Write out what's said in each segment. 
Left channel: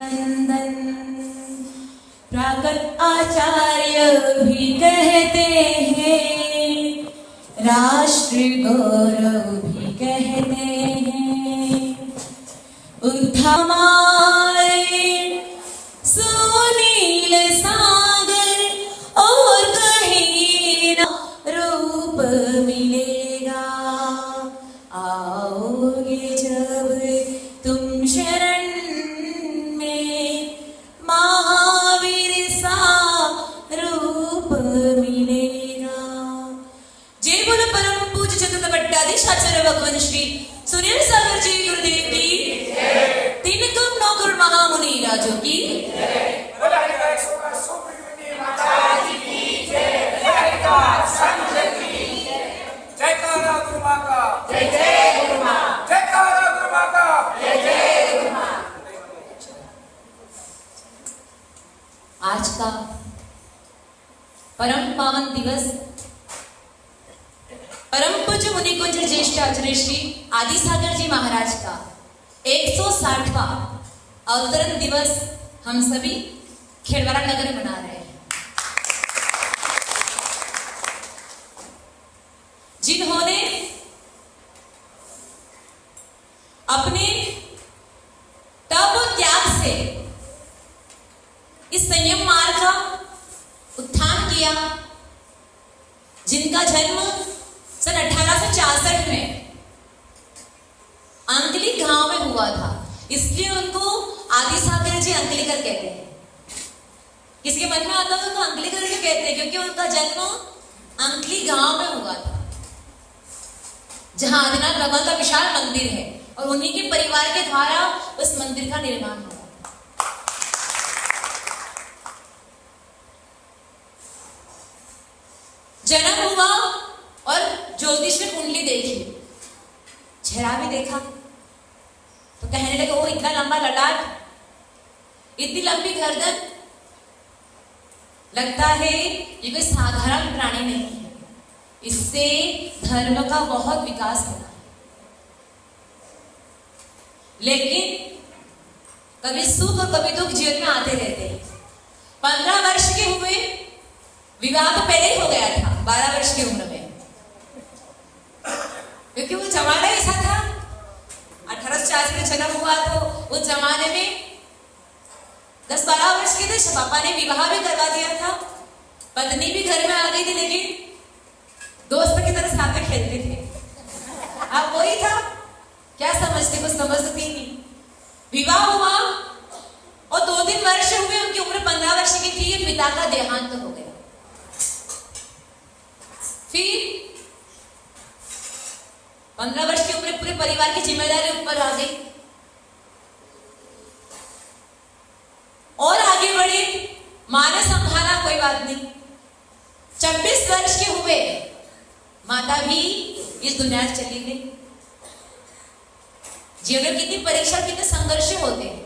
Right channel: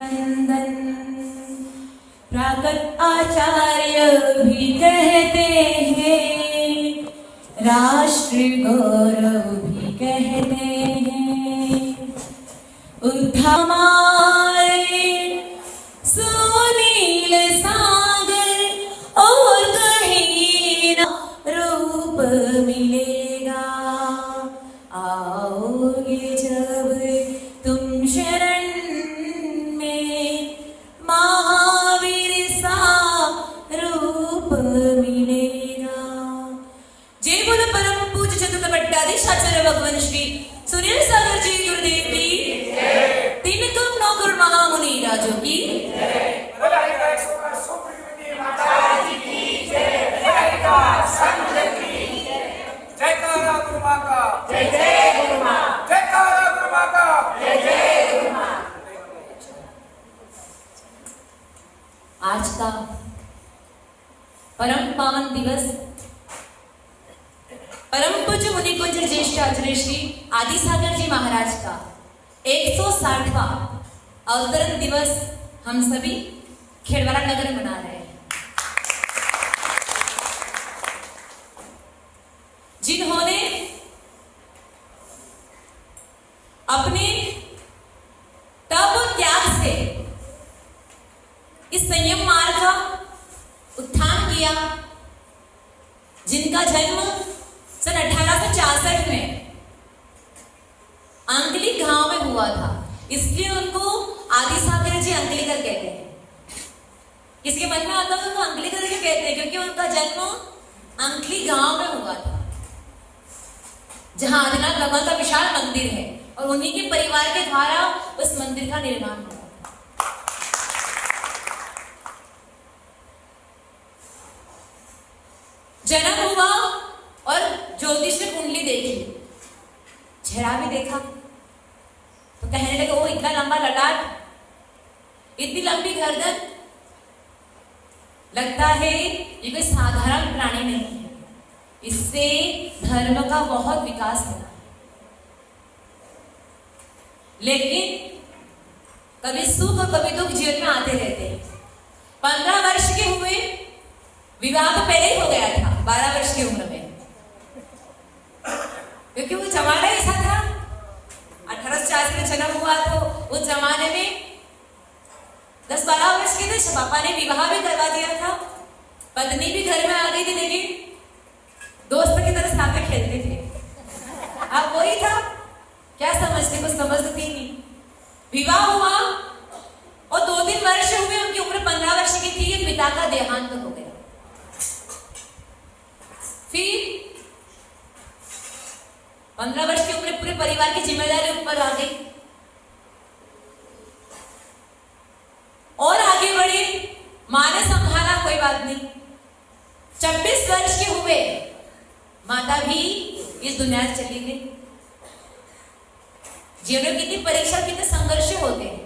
नंदन प्रागत आचार्य भी कहते हैं, राष्ट्र गौरव भी कहते हैं। उद्धामारे सुनील सागर और कहीं ना रूप मिलेगा। आओगे जब तुम शरण में, महावीर सा रूप मिलेगा। जय बोलो परम पूज्य चतुर्थ भट्टाधीश आचार्य भगवान श्री सुनील सागर जी गुरुदेव की, तीन कम नौ करोड़ महामुनि राजों की, आज का परम पावन दिवस परम पूज्य मुनि कुंज ज्येष्ठ आचार्य श्री आदि सागर जी महाराज का 160वां अवतरण दिवस हम सभी खेड़वाड़ा नगर मना रहे हैं। जिन्होंने अपने तप और त्याग से इस संयम मार्ग का उत्थान किया, जिनका जन्म सन 1866 में अंकली गांव में हुआ था, इसलिए उनको आदि सागर जी अंकलीकर कहते हैं। किसके मन में आता है उनको अंकलीकर क्यों कहते हैं? क्योंकि उनका जन्म अंकली गांव में हुआ था, जहां आदिनाथ भगवान का विशाल मंदिर है और उन्हीं के परिवार के द्वारा उस मंदिर का निर्माण हुआ। जन्म हुआ और ज्योतिष में कुंडली देखी, चेहरा भी देखा तो कहने लगे वो इतना लंबा ललाट, इतनी लंबी गर्दन, लगता है ये कोई साधारण प्राणी नहीं है, इससे धर्म का बहुत विकास होना है। लेकिन कभी सुख और कभी दुख जीवन में आते रहते हैं। 15 वर्ष के हुए, विवाह तो पहले ही हो गया था 12 वर्ष की उम्र में, क्योंकि वो जमाना ऐसा था। 1840 में जन्म हुआ तो उस जमाने में 10-12 वर्ष के थे, पापा ने विवाह भी करवा दिया था, पत्नी भी घर में आ गई थी, लेकिन दोस्त की तरह साथ में खेलते थे। अब वही था, क्या समझती, कुछ समझती नहीं। विवाह हुआ और 2-3 वर्ष हुए, उनकी उम्र 15 वर्ष की थी, पिता का देहांत हो गया। फिर 15 वर्ष की उम्र पूरे परिवार की जिम्मेदारी ऊपर आ गई और आगे बढ़े। मां ने संभाला, कोई बात नहीं। 26 वर्ष के हुए, माता भी इस दुनिया से चली गई। जीवन में कितनी परीक्षा, कितने संघर्ष होते हैं।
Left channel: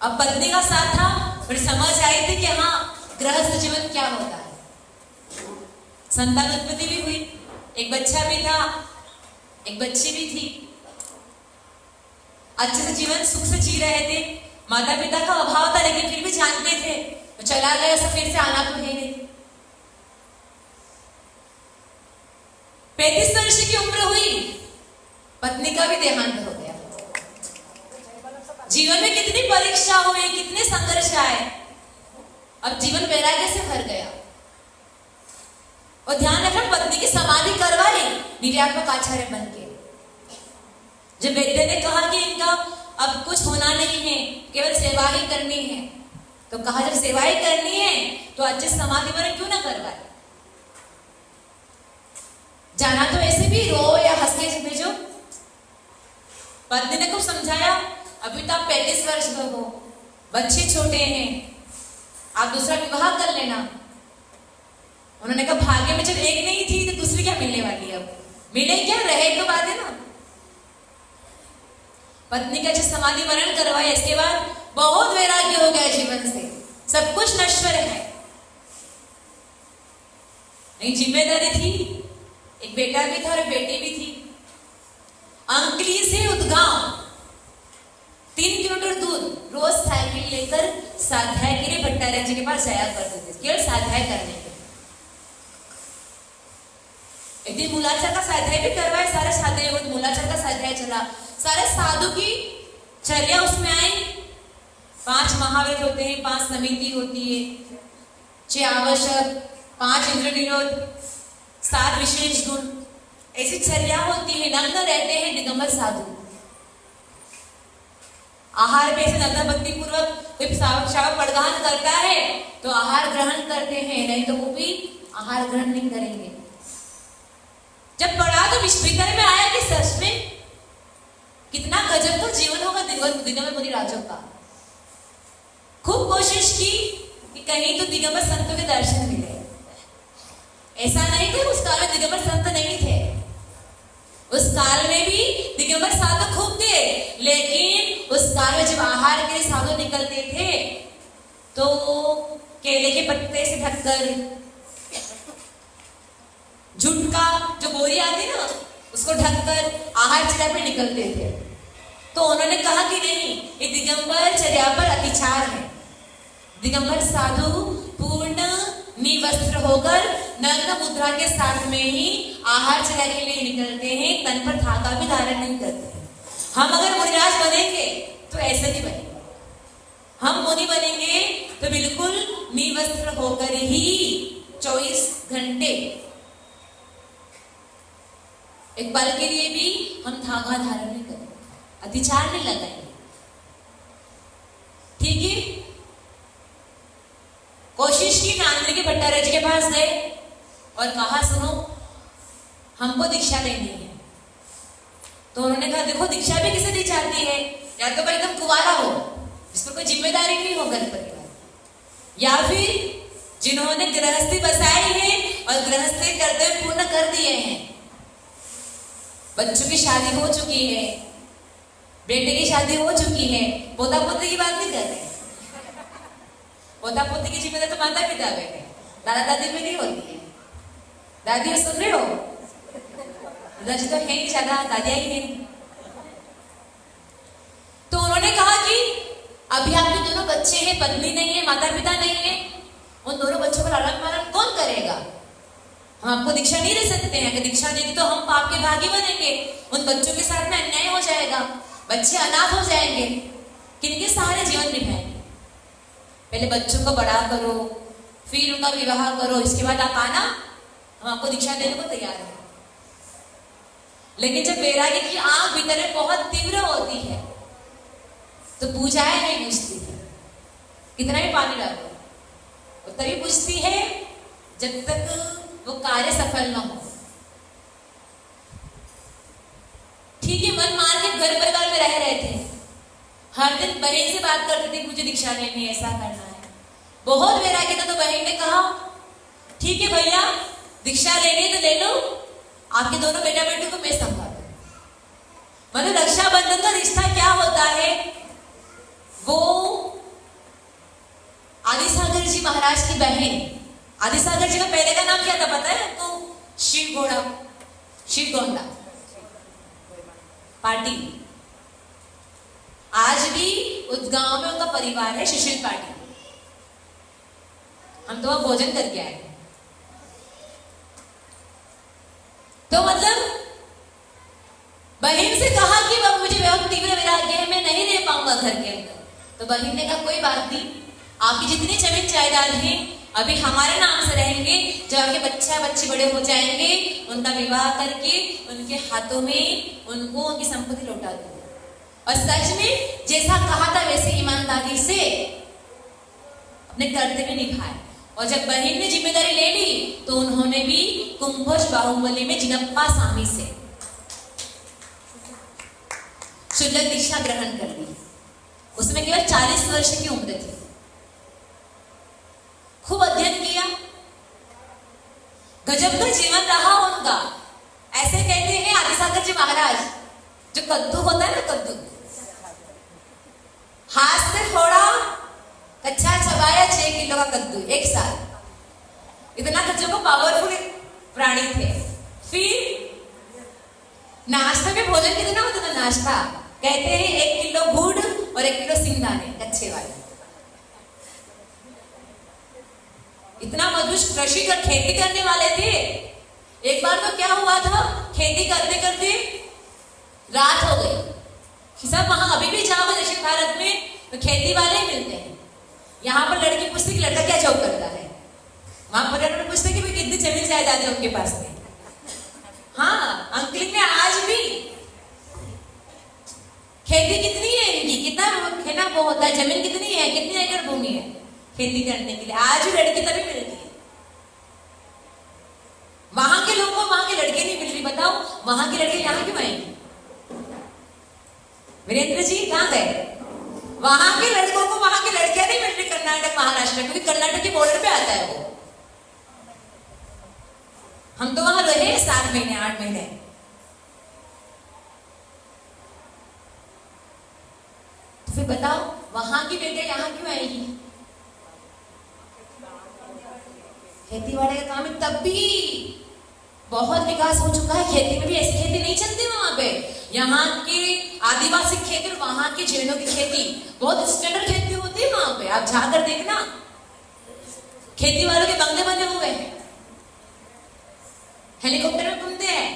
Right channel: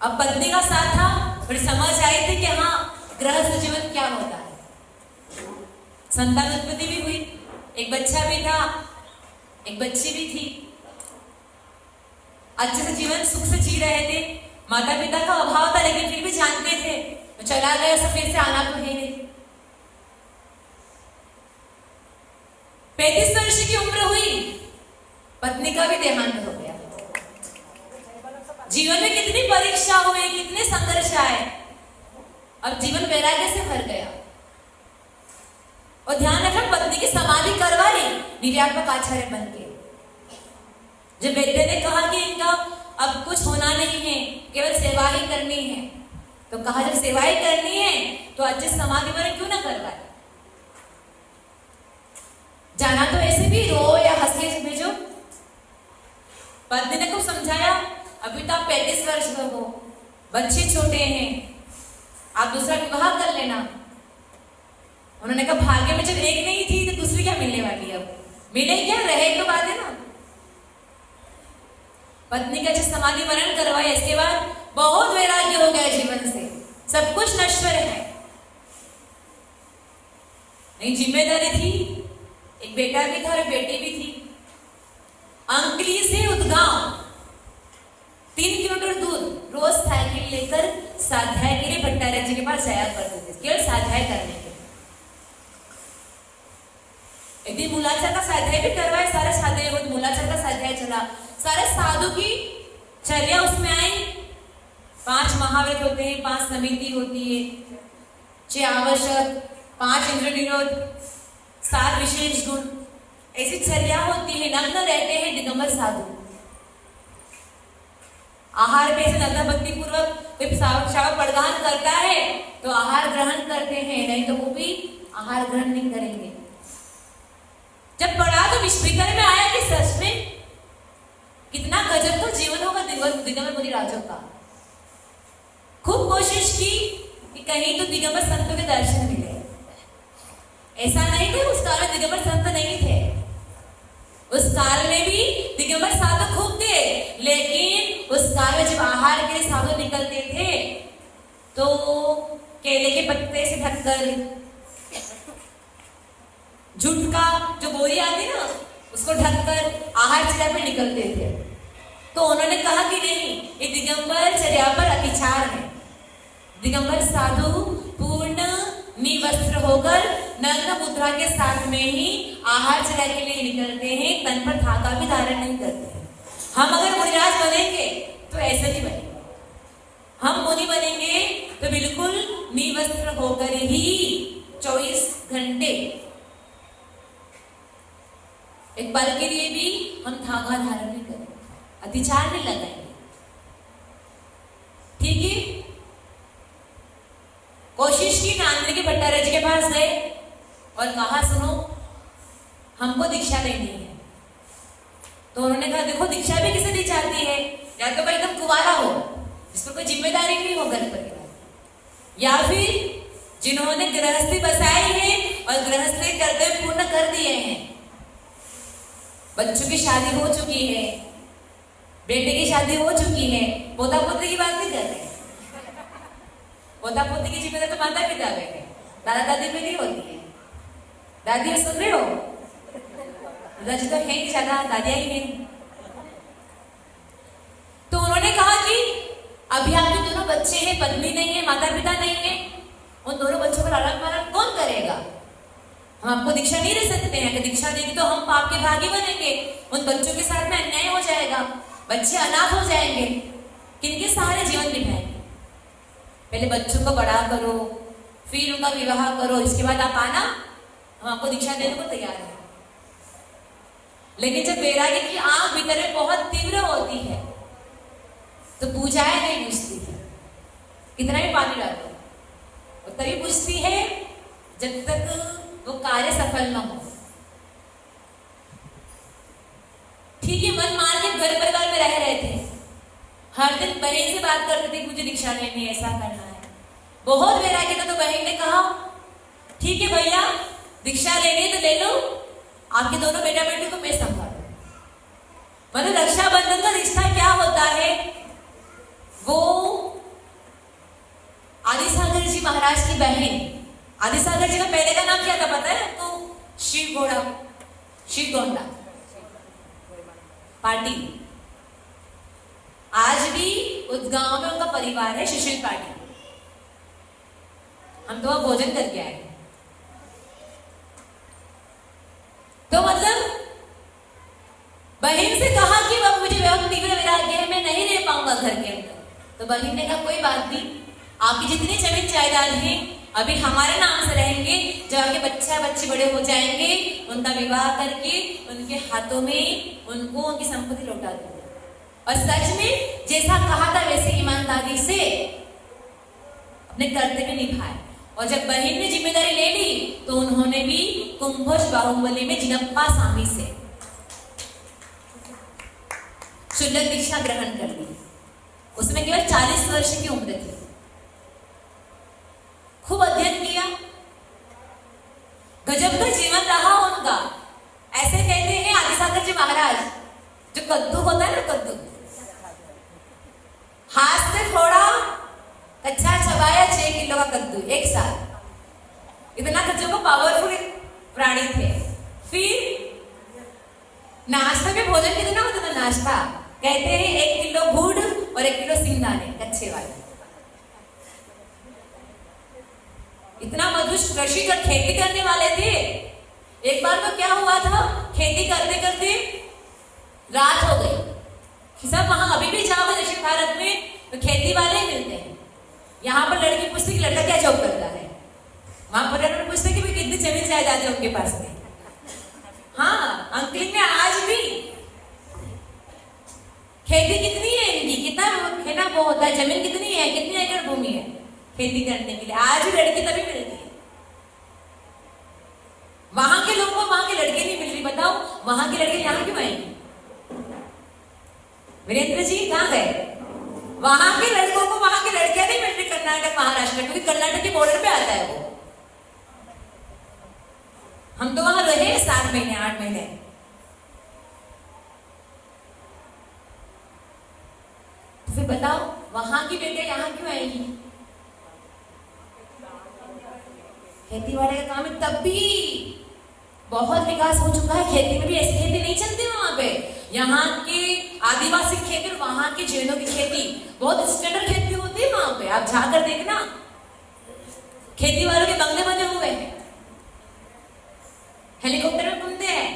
अब पत्नी का साथ था, फिर समझ आई थी कि हाँ गृहस्थ जीवन क्या होता है। संतान उत्पत्ति भी हुई, एक बच्चा भी था, एक बच्ची भी थी। अच्छे से जीवन सुख से जी रहे थे। माता पिता का अभाव था, लेकिन फिर भी जानते थे तो चला गया, सब फिर से आना तो है नहीं। 35 वर्ष की उम्र हुई, पत्नी का भी देहांत हो गया। जीवन में कितनी परीक्षा हुई, कितने संघर्ष आए, अब जीवन वैराग्य से भर गया। और ध्यान रखना, पत्नी की समाधि करवा ली निर्यात्मक आचार्य बन के। जब वैद्य ने कहा कि इनका अब कुछ होना नहीं है, केवल सेवा ही करनी है, तो कहा जब सेवा ही करनी है तो अच्छे समाधि मैंने क्यों ना करवाए। जाना तो ऐसे भी रो या हंस के भेजो। पत्नी ने खूब समझाया, अभी तो आप 35 वर्ष में हो, बच्चे छोटे हैं, आप दूसरा विवाह कर लेना। उन्होंने कहा भाग्य में जब एक नहीं थी तो दूसरी क्या मिलने वाली है, अब मिले क्या, रहे तो बात है ना। पत्नी का जब समाधि वरण करवाया, इसके बाद बहुत वैराग्य हो गया जीवन से, सब कुछ नश्वर है। नहीं, जिम्मेदारी थी, एक बेटा भी था और बेटी भी थी। अंकली से उदगांव 3 किलोमीटर दूर लेकर स्वाध्याय के लिए भट्टाचार्य जी के पास जाया करते थे, केवल स्वाध्याय करने के लिए। एक दिन मूलाचार का स्वाध्याय भी करवाए, सारे स्वाध्याय मूलाचार का स्वाध्याय चला, सारे साधु की चर्या उसमें आई। 5 महाव्रत होते हैं, 5 समिति होती है, 6 आवश्यक, 5 इंद्र निरोध, 7 विशेष गुण, ऐसी चर्या होती है। नग्न रहते हैं दिगंबर साधु, आहार में नग्न भक्ति पूर्वक कोई श्रावक पड़गान करता है तो आहार ग्रहण करते हैं, नहीं तो वो भी आहार ग्रहण नहीं करेंगे। जब पढ़ा तो विश्वविद्यालय में आया कि सच में कितना गजब का जीवन होगा दिगंबर मुनि राजों का। खूब कोशिश की कि कहीं तो दिगंबर संतों के दर्शन मिले। ऐसा नहीं थे उस काल में दिगंबर संत नहीं थे, उस काल में भी दिगंबर साधु खूब थे, लेकिन उस काल में जब आहार के लिए साधु निकलते थे तो केले के पत्ते से ढककर, झुटका जो बोरी आती ना उसको ढककर आहार चर्या पे निकलते थे। तो उन्होंने कहा कि नहीं, ये दिगंबर चर्या पर अतिचार है। दिगंबर साधु पूर्ण निवस्त्र होकर नग्न मुद्रा के साथ में ही आहार चर्या के लिए निकलते हैं, तन पर धागा भी धारण नहीं करते। हम अगर मुनिराज बनेंगे तो ऐसे ही बनेंगे, हम मुनि बनेंगे तो बिल्कुल निवस्त्र होकर ही 24 घंटे, एक पल के लिए भी हम धागा धारण नहीं करेंगे, अतिचार नहीं लगाएंगे। ठीक है, कोशिश की, नांद्र के भट्टाचार्य जी के पास गए और कहा सुनो हमको दीक्षा लेनी है। तो उन्होंने कहा देखो दीक्षा भी किसे दी जाती है, या तो भाई एकदम कुंवारा हो जिसमें कोई जिम्मेदारी नहीं हो घर परिवार, या फिर जिन्होंने गृहस्थी बसाई है और गृहस्थी कर्तव्य पूर्ण कर दिए हैं, बच्चों की शादी हो चुकी है, बेटे की शादी हो चुकी है, पोता पोती की बात नहीं कर रहे। पोता पोती की जिम्मेदारी तो माता पिता पे है, दादा दादी में नहीं होती है। दादी सुन रहे हो, दादी तो है नहीं, ज्यादा दादियां ही नहीं। तो उन्होंने कहा कि अभी आपके दोनों बच्चे हैं, पत्नी नहीं है, माता पिता नहीं है, उन दोनों बच्चों का लालन पालन कौन करेगा? हम आपको दीक्षा नहीं दे सकते हैं, अगर दीक्षा देंगे तो हम पाप के भागी बनेंगे, उन बच्चों के साथ में अन्याय हो जाएगा, बच्चे अनाथ हो जाएंगे, किनके सहारे जीवन निभाएंगे? पहले बच्चों को बड़ा करो, फिर उनका विवाह करो, इसके बाद आप आना, हम आपको दीक्षा देने को तैयार है। लेकिन जब वैराग्य की आग भीतर में बहुत तीव्र होती है तो पूजाएं नहीं बुझती है, कितना भी पानी डालो वो तभी बुझती है जब तक वो कार्य सफल न हो। ठीक है, मन मार के घर परिवार में रह रहे थे, हर दिन बहन से बात करते थे मुझे दीक्षा लेनी है, ऐसा करना है, बहुत वैराग्य था। तो बहन ने कहा ठीक है भैया दीक्षा लेनी है तो ले लो, आपके दोनों बेटा बेटी को मैं संभालू। मतलब रक्षाबंधन का रिश्ता क्या होता है, वो आदिसागर जी महाराज की बहन, आदिसागर जी का पहले का नाम क्या था पता है आपको? शिव गोंडा पाटिल। आज भी उस गांव में उनका परिवार है शिशिर पाटिल। हम तो वहां भोजन करके आए। तो मतलब बहन से कहा कि वह मुझे तीव्र वैराग्य है, मैं नहीं रह पाऊंगा घर के अंदर। तो बहन ने कहा कोई बात नहीं, आपकी जितनी जमीन जायदाद है अभी हमारे नाम से रहेंगे, जब आपके बच्चे बड़े हो जाएंगे उनका विवाह करके उनके हाथों में उनको उनकी संपत्ति लौटा दूंगा। और सच में जैसा कहा था वैसे ईमानदारी से अपने कर्तव्य निभाए। और जब बहन ने जिम्मेदारी ले ली तो उन्होंने भी कुंभोज बाहुबली में जिनप्पा स्वामी से शुल्लक दीक्षा ग्रहण कर ली। उसमें केवल 40 वर्ष की उम्र थी। खूब अध्ययन किया, गजब का जीवन रहा उनका। ऐसे कहते हैं आदिसागर जी महाराज, जो कद्दू होता है ना, कद्दू हाथ से थोड़ा कच्चा चबाया 6 किलो का कद्दू एक साल, इतना कच्चों को पावरफुल प्राणी थे। फिर नाश्ते में भोजन कितना होता था? नाश्ता कहते हैं 1 किलो गुड़ और 1 किलो सिंगदाने कच्चे वाले, इतना मजबूत कृषि कर खेती करने वाले थे। एक बार तो क्या हुआ था, खेती करते करते रात हो गई। सब वहां अभी भी जाओ दक्षिण भारत में तो खेती वाले मिलते हैं। यहाँ पर लड़की पूछती कि लड़का क्या जॉब करता है, वहां पर पूछते कि कितनी जमीन जायदाद है उनके पास में। हाँ, अंकलिंग में आज भी खेती कितनी है इनकी, कितना है ना वो होता है, जमीन कितनी है, कितनी एकड़ भूमि है खेती करने के लिए, आज भी लड़की तभी मिलती है। वहां के लोगों को वहां की लड़की नहीं मिल रही, बताओ वहां की लड़की यहाँ क्यों आएंगी? वीरेंद्र जी कहाँ गए? वहां के लड़कों को वहां की लड़कियां नहीं मिल रही कर्नाटक महाराष्ट्र, क्योंकि कर्नाटक के बॉर्डर पे आता है वो। हम तो वहां रहे 7 महीने 8 महीने। तो फिर बताओ वहां की बेटे यहाँ क्यों आएगी? खेती वाले का काम है, तब भी बहुत विकास हो चुका है। खेती में भी ऐसी खेती नहीं चलती वहां पे। यहाँ के आदिवासी खेती और वहां के जैनों की खेती बहुत स्टैंडर्ड खेती होती है वहां पे। आप जाकर देखना, खेती वालों के बंगले बने हुए हैं, हेलीकॉप्टर में घूमते हैं।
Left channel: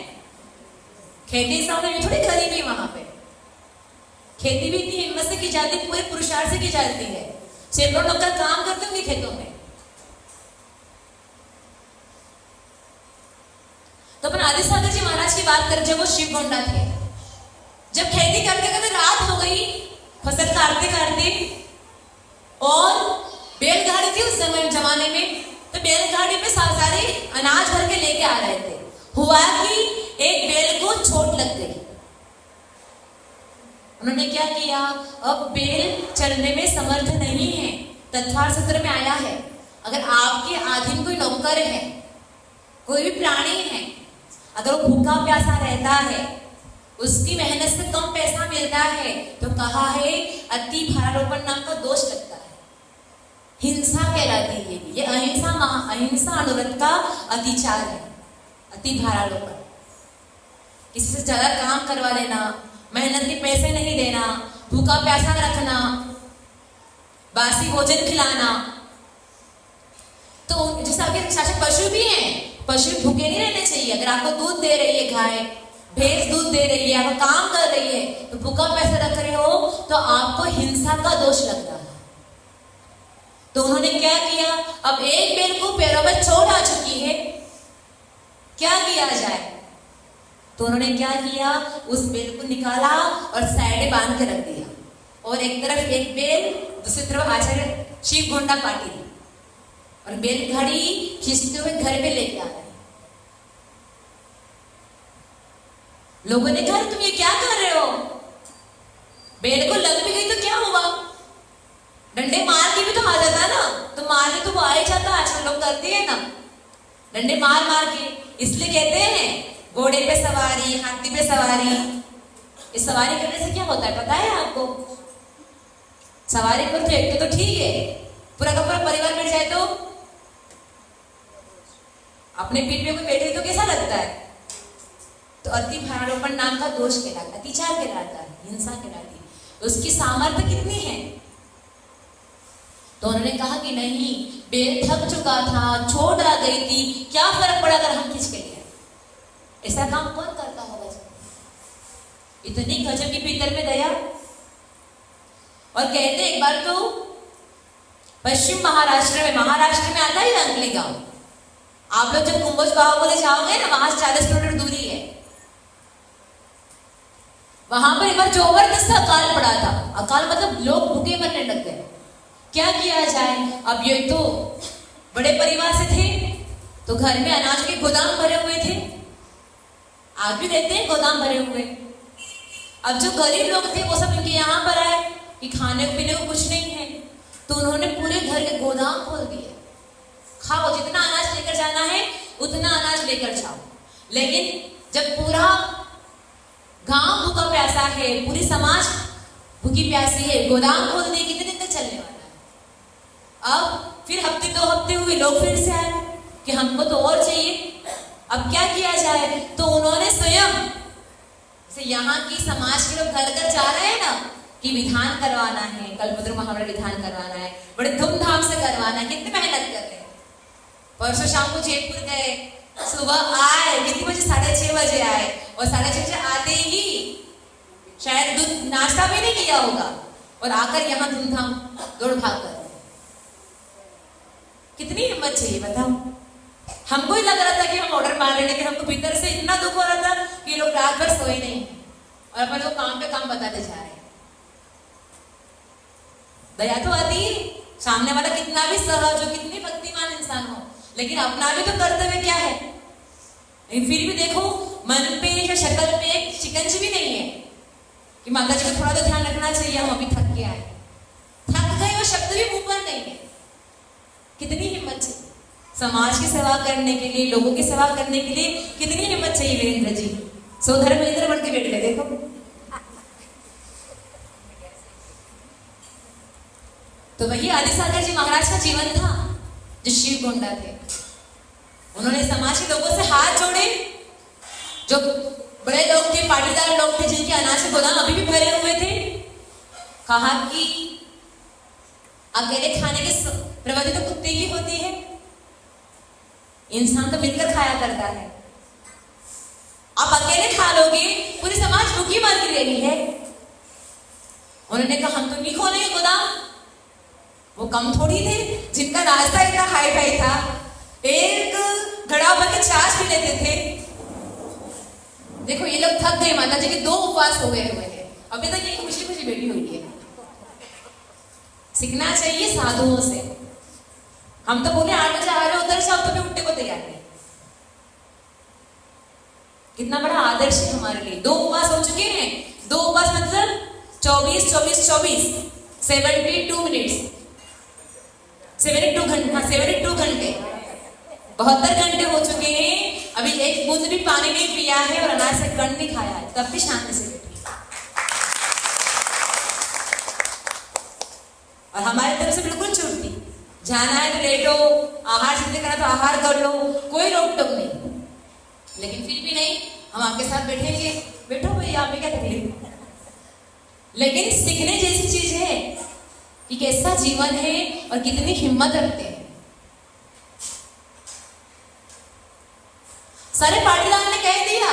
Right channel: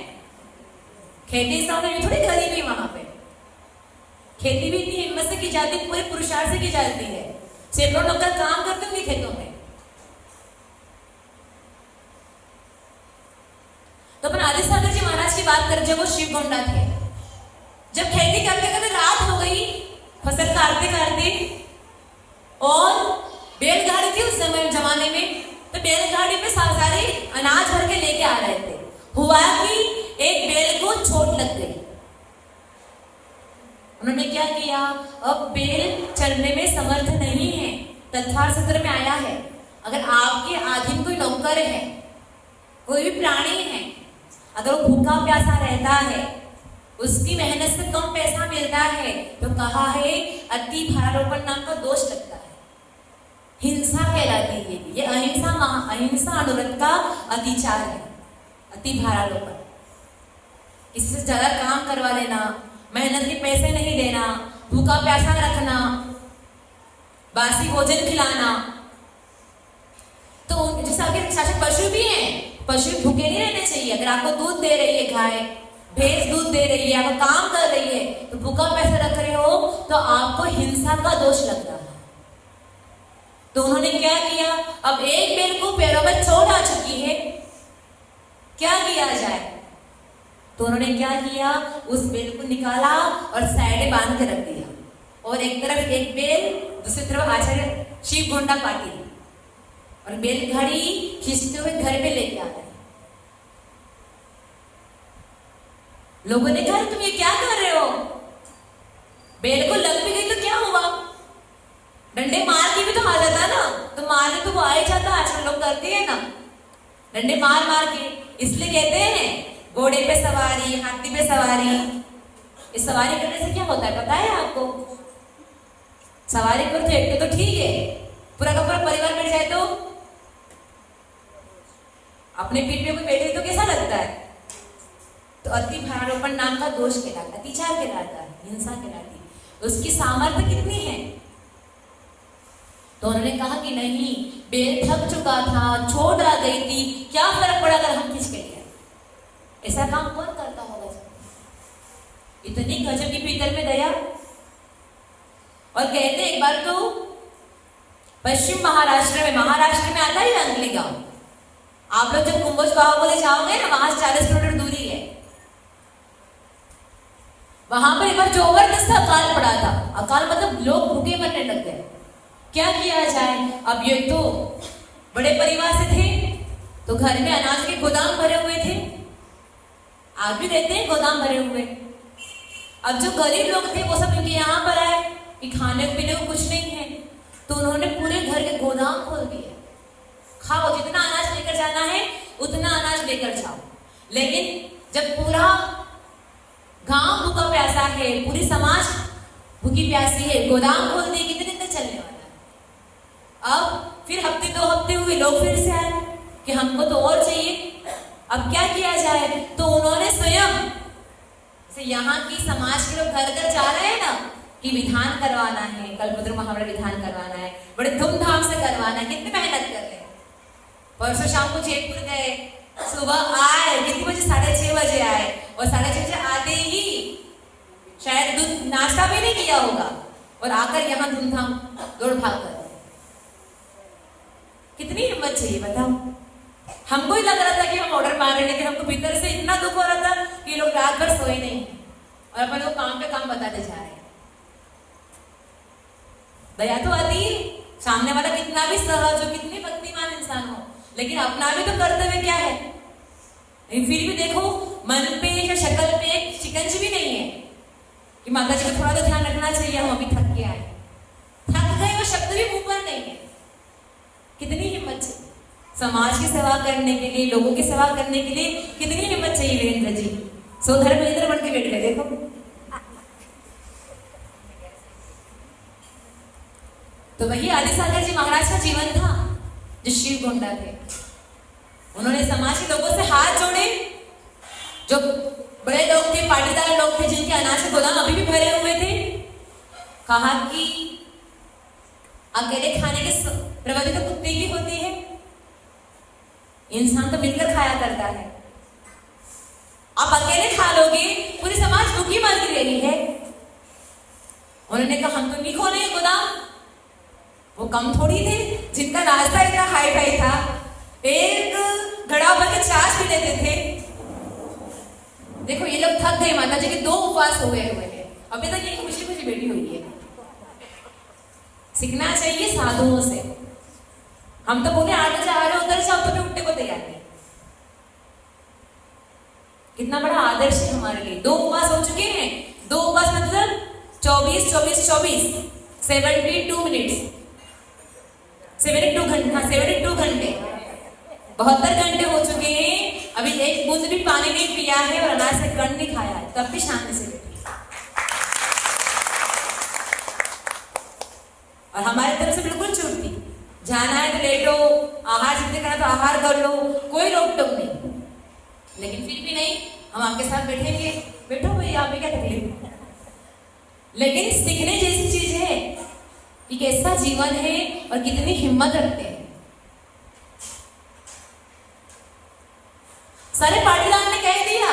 खेती सामने थोड़ी गरीबी वहां पे। खेती भी इतनी हिम्मत से की जाती है, पूरे पुरुषार्थ से की जाती है। सैकड़ों लोग का काम करते होंगे खेतों में। तो अपन आदि सागर जी महाराज की बात करें, जब वो शिव गोंडा थे, जब खेती करते करते रात हो गई, फसल काटते काटते, और बैलगाड़ी थी उस समय जमाने में, तो बैलगाड़ी में सारे अनाज भर के लेके आ रहे थे। हुआ कि एक बैल को चोट लग गई। उन्होंने क्या किया, अब बैल चलने में समर्थ नहीं है। तत्वार सूत्र में आया है, अगर आपके अधीन कोई नौकर है, कोई भी प्राणी है, अगर वो भूखा प्यासा रहता है, उसकी मेहनत से कम पैसा मिलता है, तो कहा है अति भारारोपण नाम का दोष लगता है, हिंसा कहलाती है। ये अहिंसा अनुरक्त का अतिचार है, अति भारारोपण। किसी से ज्यादा काम करवा लेना, मेहनत के पैसे नहीं देना, भूखा प्यासा रखना, बासी भोजन खिलाना। तो जैसे आपके शासक पशु भी हैं, पशु भूखे नहीं रहने चाहिए। अगर आपको दूध दे रही है गाय, भैंस दूध दे रही है, आप काम कर रही है, तो भूखा पैसा रख रहे हो, तो आपको हिंसा का दोष लग रहा है। तो उन्होंने क्या किया, अब एक बैल को पैरों में चोट आ चुकी है, क्या किया जाए? तो उन्होंने क्या किया, उस बैल को निकाला और साइड बांध के रख दिया, और एक तरफ एक बैल, दूसरी तरफ आचार्य शिव गोंडा पाटिल, और बैलगाड़ी खींचते हुए घर पे लेके आ रहे। लोगों ने कहा तुम ये क्या कर रहे हो? बैल को लग भी गई तो क्या हुआ? डंडे मार की भी तो हालत है ना, तो मारने तो वो आए जाता, आजकल लोग करते हैं ना, डंडे मार मार के। इसलिए कहते हैं घोड़े पे सवारी, हाथी पे सवारी। इस सवारी करने से क्या होता है पता है आपको? सवारी करते तो ठीक है, पूरा का पूरा परिवार मिल जाए तो अपने पीठ पे कोई बैठे तो कैसा लगता है? तो अति भारारोपण नाम का दोष कहलाता, अतिचार कहलाता है, हिंसा कहलाती है। उसकी सामर्थ्य कितनी है? तो उन्होंने कहा कि नहीं, बैल थक चुका था, चोट आ गई थी, क्या फर्क पड़ा अगर हम खींच के लिए? ऐसा काम कौन करता होगा? इतनी गजब की पीतल में दया। और कहते एक बार तो पश्चिम महाराष्ट्र में आता है अंकली गांव। आप लोग जब कुंभज गांव बोले जाओगे ना, वहां से 40 किलोमीटर दूरी है। वहां पर एक बार जबरदस्त अकाल पड़ा था। अकाल मतलब लोग भूखे मरने लग गए। क्या किया जाए? अब ये तो बड़े परिवार से थे, तो घर में अनाज के गोदाम भरे हुए थे, आज भी रहते हैं गोदाम भरे हुए। अब जो गरीब लोग थे वो सब इनके यहाँ पर आए कि खाने पीने को कुछ नहीं है, तो उन्होंने पूरे घर के गोदाम खोल दिए। खाओ, जितना अनाज लेकर जाना है उतना अनाज लेकर जाओ। लेकिन जब पूरा गांव भूखा प्यासा है, पूरी समाज भूखी प्यासी है, गोदाम खोल दिए, कितने दिन तक चलने वाला है? अब फिर हफ्ते 2 हफ्ते हुए, लोग फिर से आए कि हमको तो और चाहिए। अब क्या किया जाए? तो उन्होंने स्वयं से यहाँ की समाज के लोग घर घर जा रहे हैं ना कि विधान करवाना है, कल्पद्रुम महावरा विधान करवाना है, बड़े धूमधाम से करवाना है। कितनी मेहनत कर रहे हैं, परसों शाम को जयपुर गए, सुबह आए कितने बजे, 6:30 बजे आए, और 6:30 बजे आते ही शायद दूध नाश्ता भी नहीं किया होगा और आकर यहाँ धूमधाम दौड़ भाग कर। कितनी हिम्मत चाहिए बताओ। हमको ही लग रहा था कि हम ऑर्डर पा रहे हैं, लेकिन हमको भीतर से इतना दुख हो रहा था कि लोग रात भर सोए नहीं और अपन लोग काम पे काम बताते जा रहे हैं। दया तो आती है, सामने वाला कितना भी सहज हो, कितनी भक्तिमान इंसान हो, लेकिन अपना भी तो कर्तव्य क्या है। फिर भी देखो मन पे या शक्ल पे एक शिकंज भी नहीं है कि माता जी को थोड़ा तो ध्यान रखना चाहिए, हम अभी थक के आए, थक गए और शब्द भी मुंह पर नहीं है। कितनी हिम्मत चाहिए समाज की सेवा करने के लिए, लोगों की सेवा करने के लिए, कितनी हिम्मत चाहिए वीरेंद्र जी। सोधर वीरेंद्र बन के बैठे देखो। तो वही आदिसागर जी महाराज का जीवन था जो शिव गोंडा थे। उन्होंने समाज के लोगों से हाथ जोड़े, जो बड़े लोग थे, पाटीदार लोग थे, जिनके अनाज के गोदाम अभी भी भरे हुए थे। कहा कि अकेले खाने की प्रवृत्ति तो कुत्ते की होती है, इंसान तो मिलकर खाया करता है। आप अकेले खा लोगे, पूरी समाज भूखी मर रही है। उन्होंने कहा हम तो नहीं खोलेंगे गोदाम। वो कम थोड़ी थे जिनका रास्ता इतना हाई फाई था, एक घड़ा भर के छाछ भी लेते थे। देखो ये लोग थक गए, माता जी के 2 उपवास हुए थे, अभी तक ये खुशी खुशी बैठी हुई है। सीखना चाहिए साधुओं से। हम तो बोले 8 बजे आ रहे हो, उधर से उठने को तैयार नहीं। कितना बड़ा आदर्श है हमारे लिए। 2 उपवास हो चुके हैं। 2 उपवास मतलब 24 24 24 72 मिनट्स, 72 घंटे 72 घंटे हो चुके हैं। अभी एक बूंद भी पानी नहीं पिया है और अनाज से कण नहीं खाया है, तब भी शांति से बैठी। और हमारी तरफ से बिल्कुल छूट नहीं। जाना है तो लेटो, आहार सिद्ध करना तो आहार कर लो, कोई रोक टोक नहीं। लेकिन फिर भी नहीं, हम आपके साथ बैठेंगे, बैठो भैया, आप क्या तकलीफ। लेकिन सीखने जैसी चीज है कि कैसा जीवन है और कितनी हिम्मत रखते हैं। सारे पाटीदार ने कह दिया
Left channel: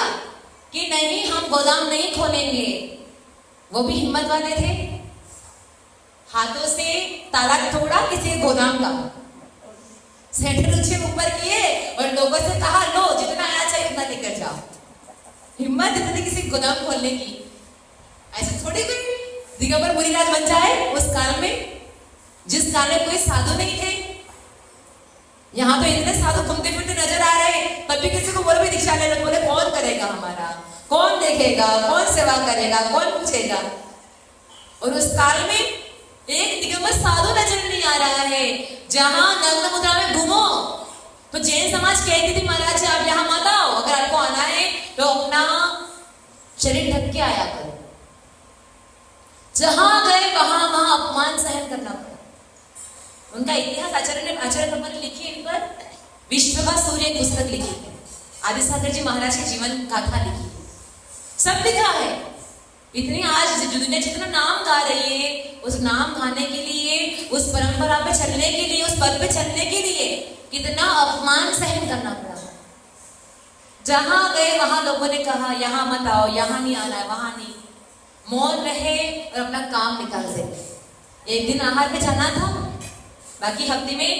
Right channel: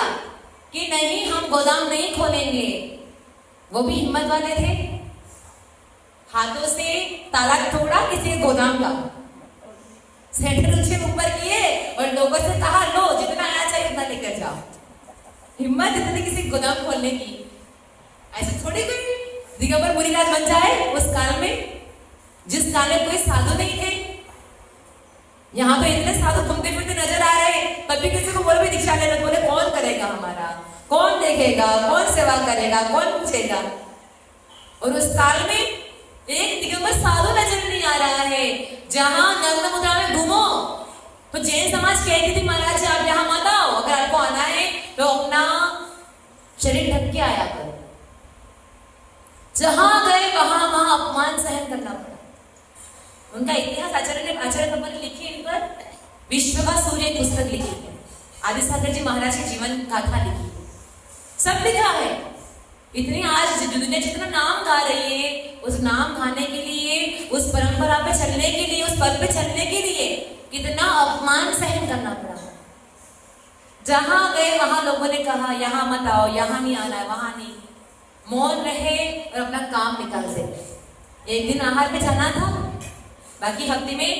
कि नहीं हम गोदाम नहीं खोलेंगे। वो भी हिम्मत वाले थे, हाथों से ताला तोड़ा किसी गोदाम का, सैंडल ऊपर किए और लोगों से कहा लो जितना आना चाहिए उतना लेकर जाओ। हिम्मत इतनी किसी गोदाम खोलने की। ऐसे थोड़ी कोई दिगंबर पुरीराज बन जाए उस काल में, जिस काल में कोई साधु नहीं थे। यहाँ पे इतने साधु घूमते फिरते नजर आ रहे, तब भी किसी को बोले भी दीक्षा लेना, बोले कौन करेगा हमारा, कौन देखेगा, कौन सेवा करेगा, कौन पूछेगा। और उस काल में एक दिगंबर साधु नजर नहीं आ रहा है। जहां नग्न मुद्रा में घूमो तो जैन समाज कहती थी महाराज जी आप यहाँ मत आओ, अगर आपको आना है तो अपना शरीर ढक के आया करो। जहां गए वहां अपमान सहन करना पड़ा। उनका इतिहास आचार्य भगवान ने लिखी है, इन पर विश्व का सूर्य पुस्तक लिखी है, आदिसागर जी महाराज के जीवन गाथा लिखी है, सब लिखा है। इतनी आज दुनिया जितना नाम गा रही है, उस नाम गाने के लिए, उस परंपरा पे चलने के लिए, उस पद पे चलने के लिए कितना अपमान सहन करना पड़ा। जहां गए वहां लोगों ने कहा यहाँ मत आओ, यहाँ नहीं आना है, वहां नहीं। मौन रहे और अपना काम निकाल दे। एक दिन आहार पे जाना था, बाकी हफ्ते में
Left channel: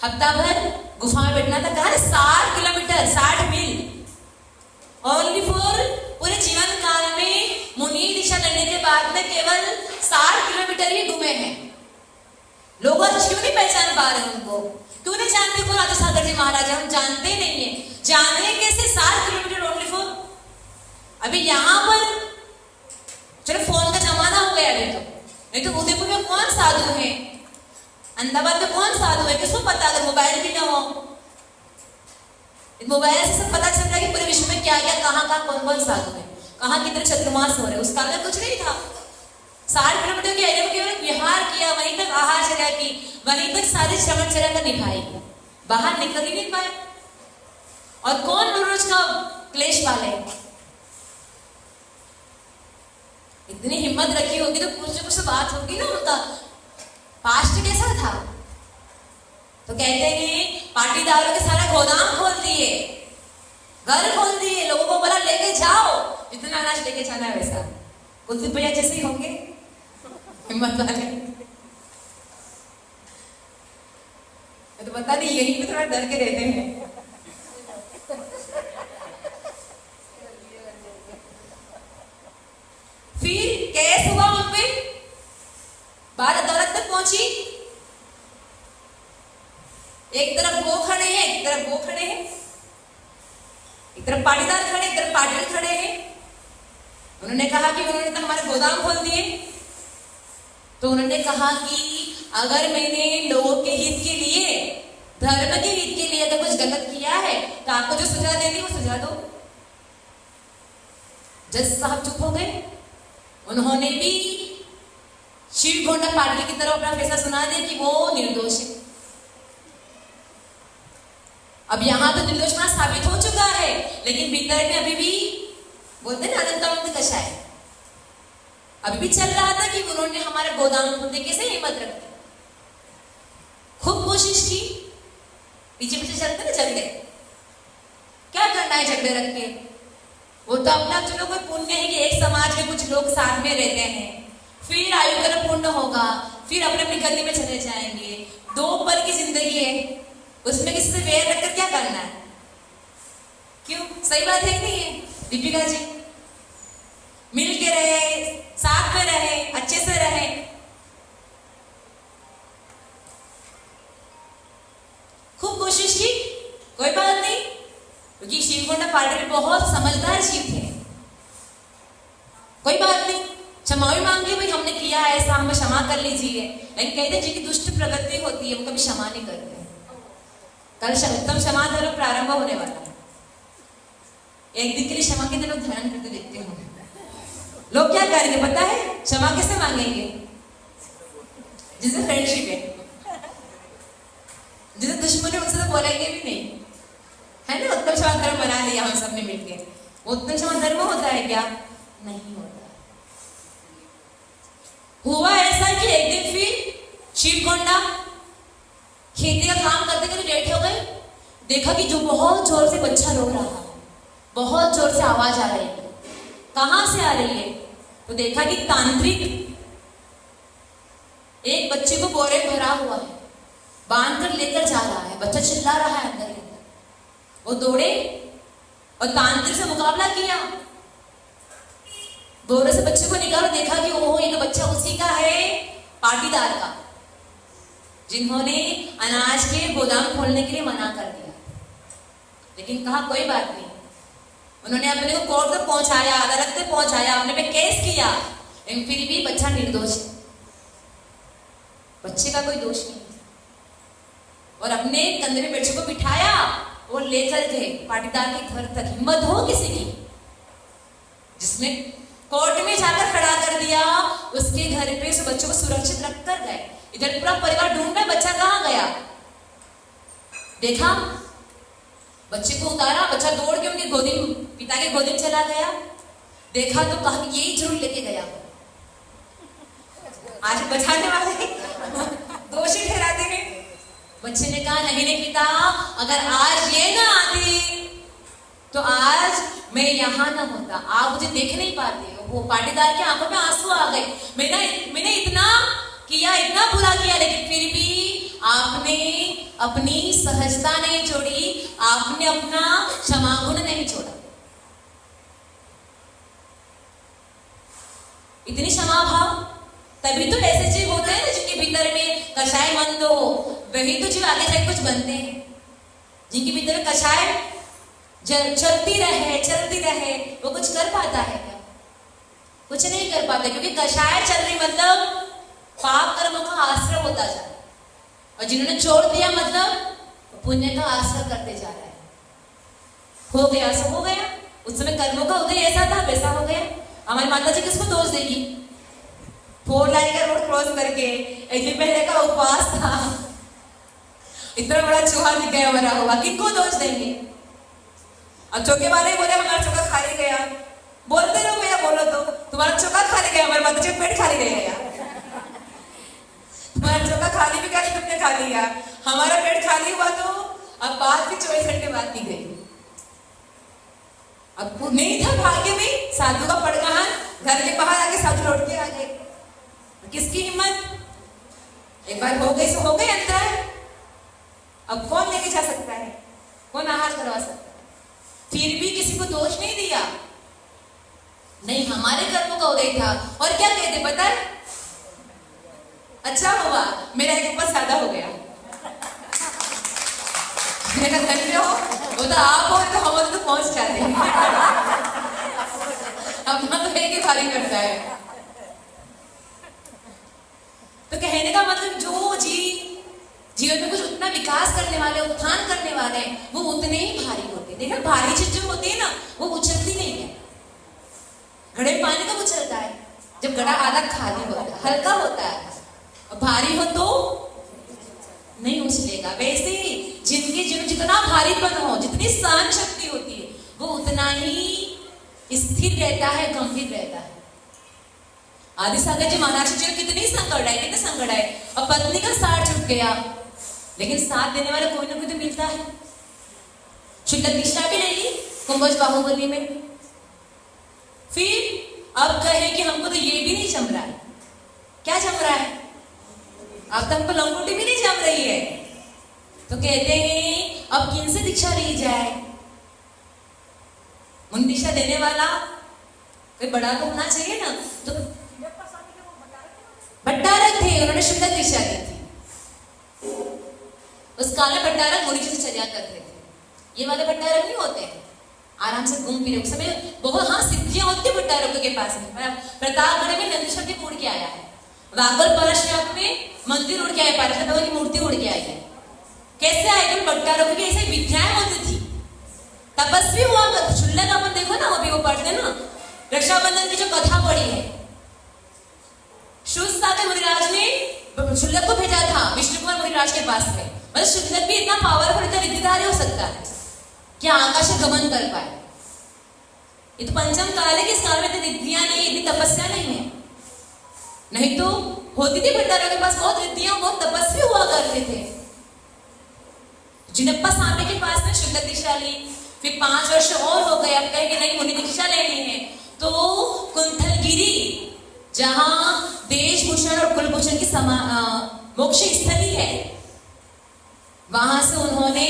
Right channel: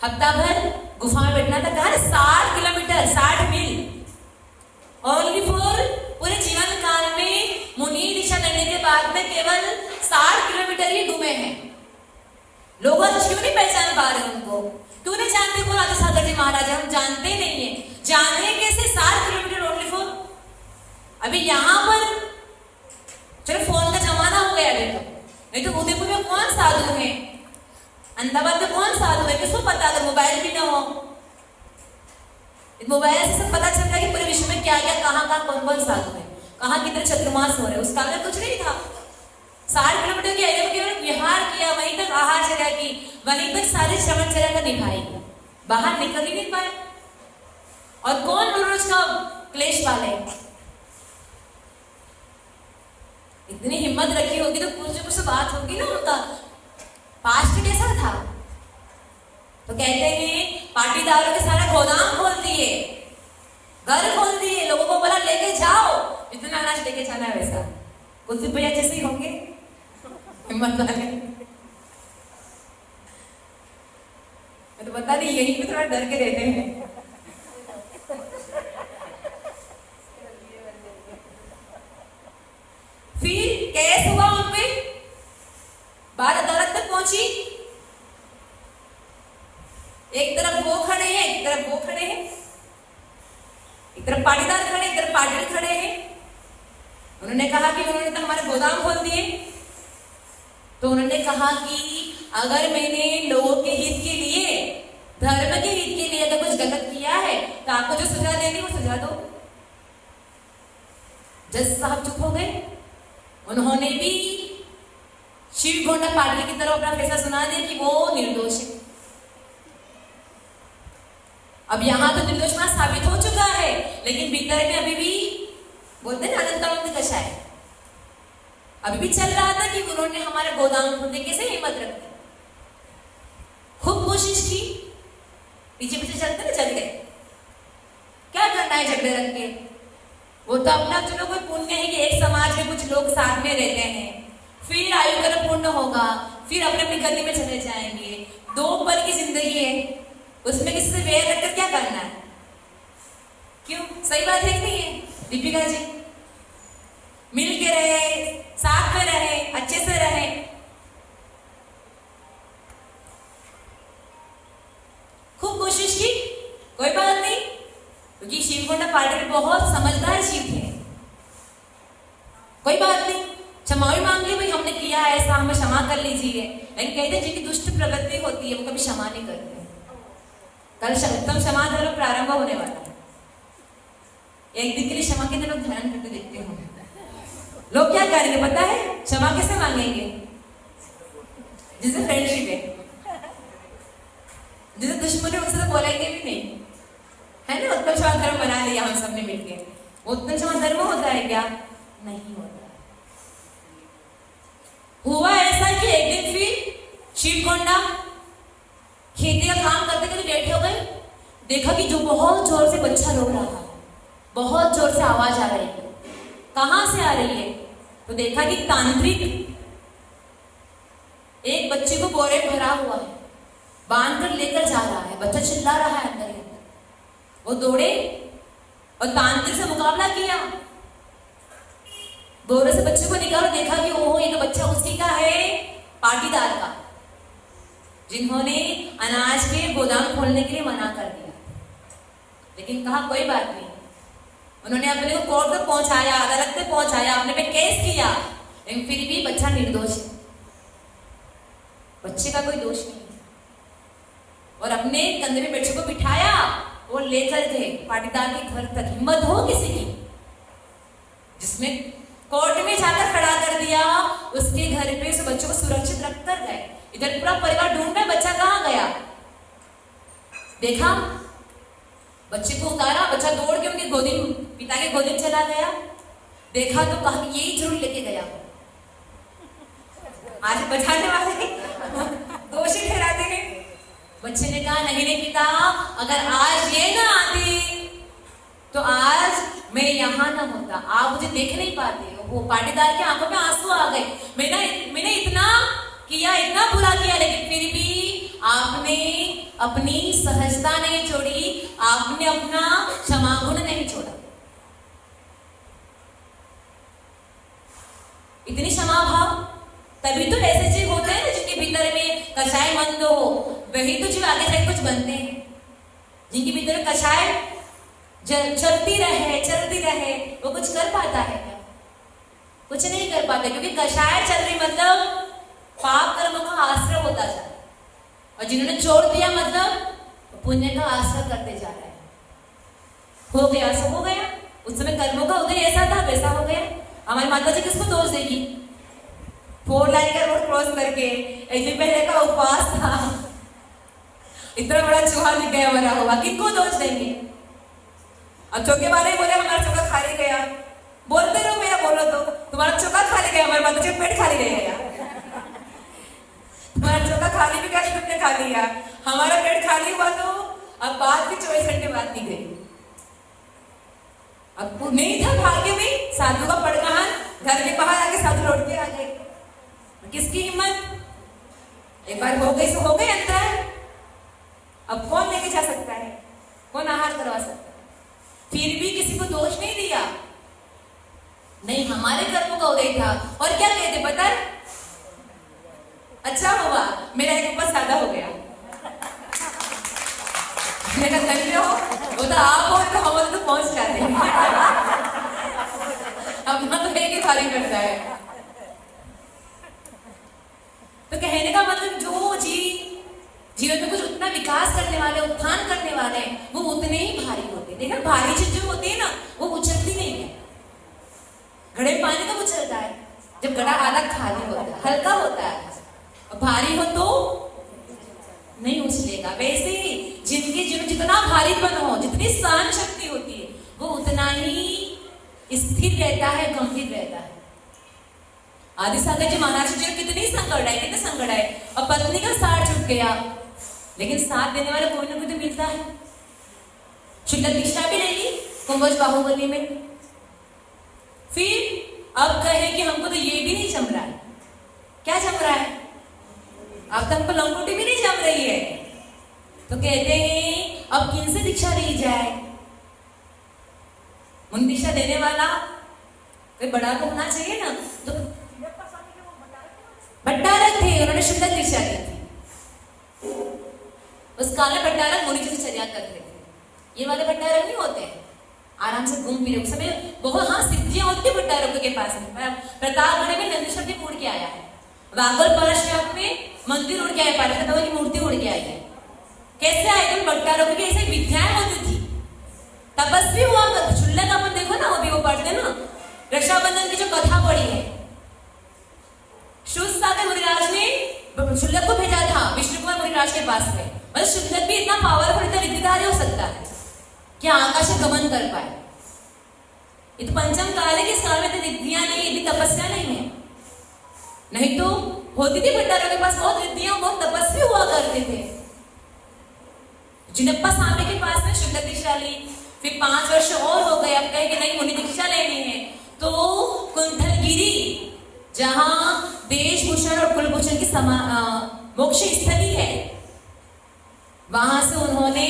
हफ्ता भर गुफा में बैठना था। कहा 60 किलोमीटर 60 मील ओनली फॉर पूरे जीवन काल में मुनि दीक्षा लेने के बाद में केवल 60 किलोमीटर ही घूमे हैं। लोग क्यों नहीं पहचान पा रहे उनको, क्यों नहीं जानते कौन आदिसागर जी महाराज, हम जानते नहीं है। जानने कैसे 60 किलोमीटर ओनली फॉर। अभी यहाँ पर चलो फोन का जमाना हो गया है, नहीं तो उदयपुर में कौन साधु है, अहमदाबाद में कौन साधु है, किसको पता अगर मोबाइल भी ना हो। मोबाइल से सब पता चलता है कि पूरे विश्व में क्या क्या कहाँ कौन कौन साधु है, कहाँ कितने चतुर्मास हो रहे। उस काल में कुछ नहीं था। 60 किलोमीटर के एरिया में केवल विहार किया, वहीं तक आहारचर्या की, वहीं तक सारी श्रवणचर्या का निभाई, बाहर निकल ही नहीं पाए। और कौन रोज का क्लेश पाले। इतनी हिम्मत रखी होगी तो कुछ बात होगी ना। उनका पास्ट कैसा था तो कहते हैं पाटीदार कुलदीप भैया जैसे ही होंगे, हिम्मत वाले। तो बता नहीं, यही भी थोड़ा डर के रहते हैं। फिर केस हुआ उनपे, बात अदालत तक पहुंची। एक तरफ वो खड़े हैं, एक तरफ वो खड़े हैं, एक तरफ पाटीदार खड़े, एक तरफ पाटिल खड़े हैं। उन्होंने कहा कि उन्होंने तो हमारे गोदाम खोल दिए। तो उन्होंने कहा कि अगर मैंने लोगों के हित के लिए, धर्म के हित के लिए अगर कुछ गलत किया है तो आपको जो सजा देनी वो सजा दो। जज साहब चुप हो गए। उन्होंने भी शिव गोंडा पाटिल की तरफ अपना फैसला सुना दिया कि वो निर्दोष है। अब यहां तो निर्दोष साबित हो चुका है, लेकिन भीतर में अभी भी बोलते हैं अनंत कषाय अभी भी चल रहा था कि उन्होंने हमारे गोदाम खोलने कैसे हिम्मत रखी। खूब कोशिश की, पीछे पीछे चलते ना झगड़े, क्या करना है झगड़े रख के। वो तो अपना चलो कोई पुण्य है कि एक समाज में कुछ लोग साथ में रहते हैं, फिर आयु का पुण्य होगा, फिर अपने अपनी गली में चले जाएंगे। 2 पल की जिंदगी है, उसमें किसी से वैर रखकर क्या करना है? क्यों? सही बात है नहीं है दीपिका जी? मिल के रहे, साथ में रहे, अच्छे से रहे। खूब कोशिश की, कोई बात नहीं, क्योंकि शिव गोंडा पाटिल बहुत समझदार शिव थे। कोई बात नहीं, क्षमा मांग ली, भाई हमने किया ऐसा, हमें क्षमा कर लीजिए। लेकिन कहते जिनकी दुष्ट प्रवृत्ति होती है वो कभी क्षमा नहीं करते। कल उत्तम क्षमा धर्म प्रारंभ होने वाला है। एक दिन के लिए क्षमा के दिन लोग ध्यान करते देखते हो। लोग क्या करेंगे पता है? क्षमा कैसे मांगेंगे? जिसे फ्रेंडशिप है, जिसे दुश्मनी उनसे तो बोलेंगे भी नहीं, है ना? उत्तम क्षमा धर्म बना लिया हम सबने मिलकर। उत्तम क्षमा धर्म होता है क्या? नहीं होता। हुआ ऐसा कि एक दिन फिर शिव गोंडा खेती का काम करते करते बैठे हो गए। देखा कि जो बहुत जोर से बच्चा रो रहा है, बहुत जोर से आवाज आ रही है। कहां से आ रही है? तो देखा कि तांत्रिक एक बच्चे को बोरे भरा हुआ है, बांध कर लेकर जा रहा है। बच्चा चिल्ला रहा है अंदर ही अंदर। वो दौड़े और तांत्रिक से मुकाबला किया। बोरे से बच्चे को निकाला, देखा कि ओहो ये तो बच्चा उसी का है, पाटीदार का, जिन्होंने अनाज के गोदाम खोलने के लिए मना कर दिया। लेकिन कहा कोई बात नहीं। उन्होंने अपने को कोर्ट तक पहुंचाया, अदालत तक पहुंचाया, अपने पे केस किया, लेकिन फिर भी बच्चा निर्दोष है, बच्चे का कोई दोष नहीं। और अपने कंधे में बच्चे को बिठाया, वो लेकर थे पाटीदार के घर तक। हिम्मत हो किसी की जिसमें कोर्ट में जाकर खड़ा कर दिया, उसके घर पे उस बच्चों को सुरक्षित रख कर गए। इधर पूरा परिवार ढूंढ रहा, बच्चा कहाँ गया? देखा, बच्चे को उतारा, बच्चा दौड़ के उनकी गोदी, पिता के गोदी में चला गया। देखा तो कहा यही जरूर लेके गया। आज बचाने वाले दोषी ठहराते हैं। बच्चे ने कहा नहीं नहीं पिता, अगर आज ये ना आती तो आज मैं यहाँ ना होता, आप मुझे देख नहीं पाते। वो पाटीदार के आंखों में आंसू आ गए। मैंने इतना किया, इतना बुरा किया, लेकिन फिर भी आपने अपनी सहजता नहीं छोड़ी, आपने अपना क्षमा गुण नहीं छोड़ा। इतनी क्षमा भाव, तभी तो ऐसे जीव होते हैं जिनके भीतर में कषाय बंद हो, वही तो जीव आगे जाके कुछ बनते हैं। जिनके भीतर कषाय चलती रहे, वो कुछ कर पाता है क्या? कुछ नहीं कर पाता, क्योंकि कषाय चल रही मतलब पाप कर्म का आश्रय होता जा रहा है, और जिन्होंने छोड़ दिया मतलब पुण्य का आश्रय करते जा रहा है। हो गया सब हो गया। उस समय कर्मों का उदय ऐसा था, वैसा हो गया। हमारी माता जी किसको दोष देगी? 4 लाइन का रोड क्रॉस करके ऐसे पहले का उपवास था, इतना बड़ा चूहा दिख गया मरा हुआ, किसको दोष देंगे? अब चौके वाले बोले हमारा चौका खाली गया, बोलते रहो भैया, बोलो तो तुम्हारा चौका खाली गया, हमारे माता जी पेट खाली गया। तुम्हारा चौका खाली भी कैसे तुमने खा लिया, हमारा पेट खाली हुआ तो अब बात भी 24 घंटे बाद की गई। अब नहीं था भाग्य में साधु का पड़गान, घर के बाहर आके सब लौट के आ गए। किसकी हिम्मत? एक बार हो गई तो हो गई अंतर। अब कौन लेके जा सकता है, कौन आहार करवा सकता है? फिर भी किसी को दोष नहीं दिया, नहीं हमारे कर्मों का उदय था। और क्या कहते पता है? अच्छा हुआ मेरा एक ऊपर सादा हो गया। मेरा धन्य हो, वो तो आप हो तो हम तो पहुंच जाते हैं। अपना तो एक ही खाली करता है। तो कहने का मतलब जो जीवन में कुछ उतना विकास करने वाले, उत्थान करने वाले हैं, वो उतने ही भारी होते हैं। देखा, भारी चीज जो होती है ना, वो उछलती नहीं है। घड़े में पानी कब उछलता है? जब घड़ा आधा खाली होता है, हल्का होता है। भारी हो तो नहीं उछलेगा। वैसे ही जिंदगी जीवन जितना भारीपन हो, जितनी सहन शक्ति होती है, वो उतना ही स्थिर रहता है, गंभीर रहता है। आदि सागर जी महाराज जी कितनी संकट है, कितने संकट है। और पत्नी का साथ छूट गया, लेकिन साथ देने वाला कोई ना कोई तो मिलता है। शुल्लक दीक्षा भी नहीं ली कुंभज बाहुबली में। फिर अब कहे कि हमको तो ये भी नहीं जम रहा है। क्या जम रहा है? अब तक हमको लंगोटी भी नहीं जम रही है। तो कहते हैं अब किन से दीक्षा ली जाए? मुनि दीक्षा देने वाला कोई बड़ा तो होना चाहिए ना। तो भट्टारक थे, उन्होंने शुल्लक दीक्षा ली थी। उस काल में भट्टारक मुनि जी से चर्या करते थे। ये वाले भट्टारक नहीं होते, आराम से घूम फिर उस समय बहुत हाँ सिद्धियां होती है भट्टारकों के पास में। प्रतापगढ़ में नंदी शब्द उड़ के आया है। वागल पारशनाथ में मंदिर उड़ के आए, पारशनाथ की मूर्ति उड़ के आई है। कैसे आए? भट्टारकों की ऐसी विद्याएं होती थी, तपस्वी हुआ। शुल्लक अपन देखो ना, अभी वो पढ़ते ना, रक्षाबंधन की जो कथा पढ़ी है, शूरसागर मुनिराज ने शुल्लक को भेजा था विष्णु कुमार मुनिराज के पास में। मतलब शुल्लक भी इतना पावरफुल, इतना रिद्धिधारी हो सकता है कि आकाश में गमन कर पाए। ये तो पंचम काल है कि इस काल में इतनी रिद्धियां नहीं, इतनी तपस्या नहीं है। नहीं तो होती थी भट्टारकों के पास बहुत रिद्धियां, बहुत तपस्वी हुआ करते थे। जिनप्पा स्वामी के पास में शुल्लक दीक्षा ली। फिर 5 वर्ष और हो गए, अब कहे कि नहीं मुनि दीक्षा लेनी है। तो कुंथलगिरी, जहां देशभूषण और कुलभूषण की मोक्ष स्थली है, वहां से उन्होंने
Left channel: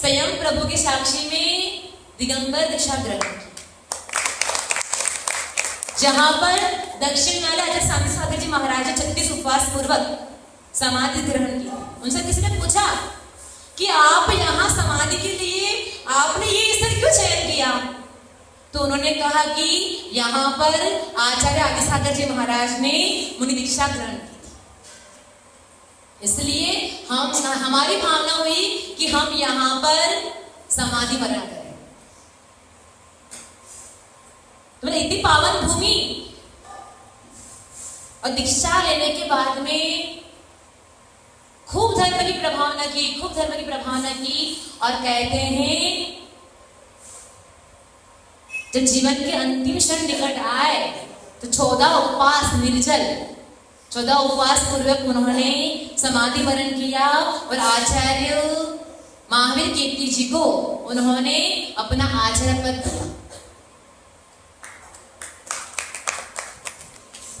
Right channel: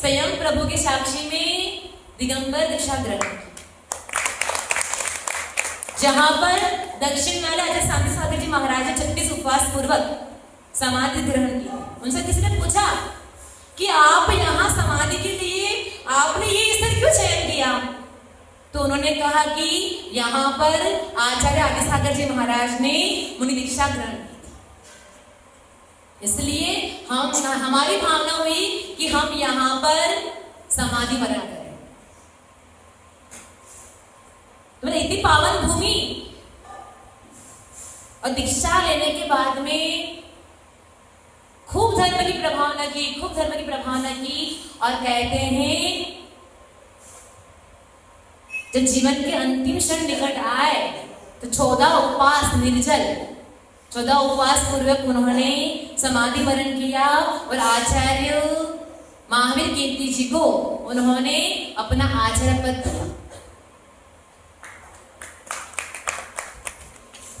स्वयं प्रभु के साक्षी में दिगंबर दीक्षा ग्रहण की। जहां पर दक्षिण वाले आचार्य शांति सागर जी महाराज 36 उपवास पूर्वक समाधि ग्रहण की। उनसे किसी ने पूछा कि आप यहाँ समाधि के लिए आपने ये स्थल क्यों चयन किया? तो उन्होंने कहा कि यहाँ पर आचार्य आदि सागर जी महाराज ने मुनि दीक्षा ग्रहण की, इसलिए हमारी भावना हुई कि हम यहाँ पर समाधि वरण करें। तो इतनी पावन भूमि, और दीक्षा लेने के बाद में खूब धर्म की प्रभावना की, खूब धर्म की प्रभावना की। और कहते हैं जब जीवन के अंतिम क्षण निकट आए तो 14 उपवास निर्जल, 14 उपवास पूर्वक उन्होंने समाधि वरण किया। और आचार्य महावीर कीर्ति जी को उन्होंने अपना आचार्य पद दिया।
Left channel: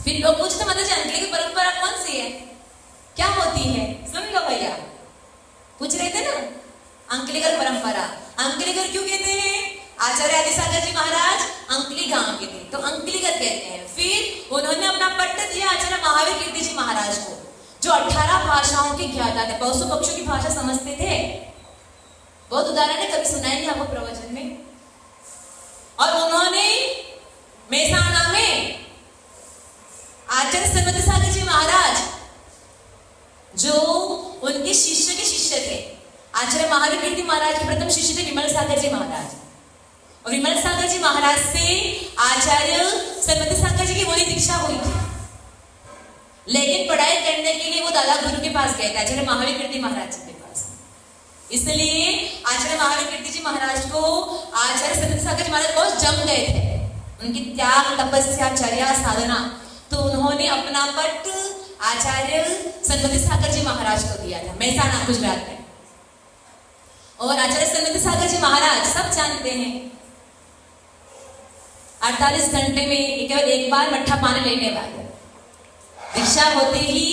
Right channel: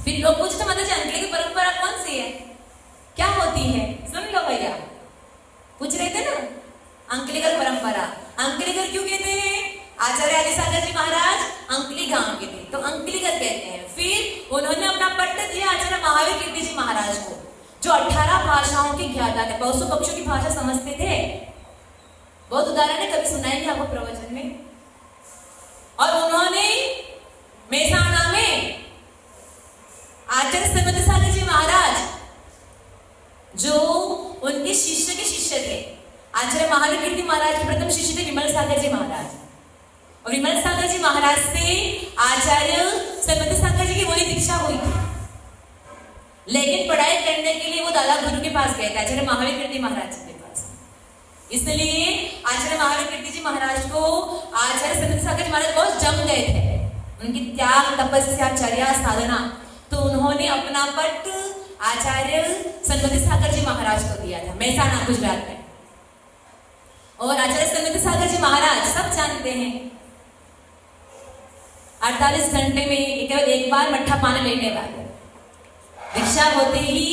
फिर लोग पूछते मतलब अंकली की परंपरा कौन सी है, क्या होती है? सुन लो भैया, पूछ रहे थे ना अंकलिकर परंपरा। अंकलिकर क्यों कहते हैं? आचार्य आदि सागर जी महाराज अंकली गांव के थे, तो अंकलिकर कहते हैं। फिर उन्होंने अपना पट्ट दिया आचार्य महावीर कीर्ति जी महाराज को, जो 18 भाषाओं के ज्ञाता थे, पशु पक्षियों की भाषा समझते थे। बहुत उदाहरण है, कभी सुनाएंगे आपको प्रवचन में। और उन्होंने मेहसाणा में आचार्य श्रीमती सागर जी महाराज, जो उनके शिष्य के शिष्य थे, आचार्य महावीर कीर्ति महाराज के प्रथम शिष्य थे विमल सागर जी महाराज। और विमल सागर जी महाराज से आचार्य श्रीमती सागर जी की मुनि दीक्षा हुई थी। लेकिन पढ़ाई करने के लिए वो दादा गुरु के पास गए थे, आचार्य महावीर कीर्ति महाराज जी के पास। इसलिए आचार्य महावीर कीर्ति जी महाराज को आचार्य श्रीमती सागर जी महाराज बहुत जम गए थे, उनकी त्याग, तपस्या, चर्या, साधना। तो उन्होंने अपना पट आचार्य श्रीमती सागर जी महाराज को दिया था, मेहसाणा गुजरात में। और आचार्य श्रीमती सागर जी महाराज सब जानते हैं, 48 घंटे में केवल एक बार मट्ठा पानी लेने वाले। दीक्षा होते ही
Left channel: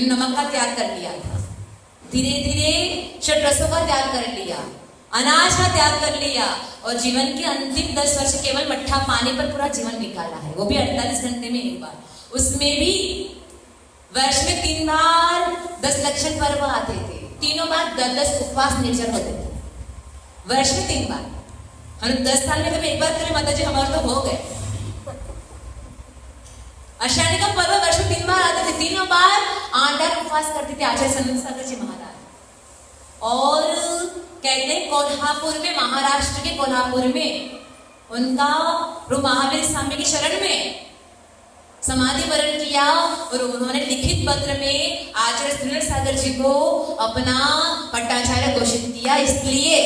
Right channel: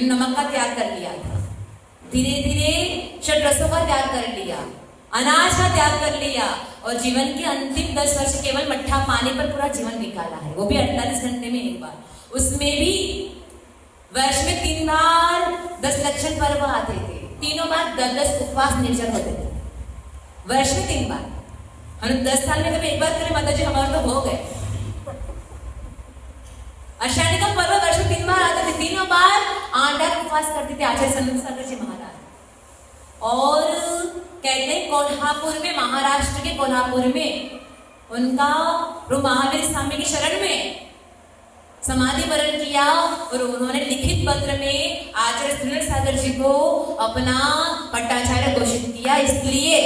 नमक का त्याग कर लिया था, धीरे धीरे षड्रसों का त्याग कर लिया, अनाज का त्याग कर लिया और जीवन के अंतिम 10 वर्ष केवल मट्ठा पानी पर पूरा जीवन निकाला है, वो भी 48 घंटे में एक बार। उसमें भी वर्ष में 3 बार 10 लक्षण पर्व आते थे, तीनों बार 10 उपवास निर्जल होते थे, वर्ष में 3 बार। हम 10 साल में कभी एक बार करें माता जी, हमारे तो हो गए। आषाढ़ी का पर्व वर्ष में 3 बार आते थे, तीनों बार 8 उपवास करते थे आचार्य संत जी महाराज। और कहते हैं कोल्हापुर में, महाराष्ट्र के कोल्हापुर में उनका महावीर स्वामी की शरण में समाधि वरण किया और उन्होंने लिखित पत्र में आचार्य सुनील सागर जी को अपना पट्टाचार्य घोषित किया। इसलिए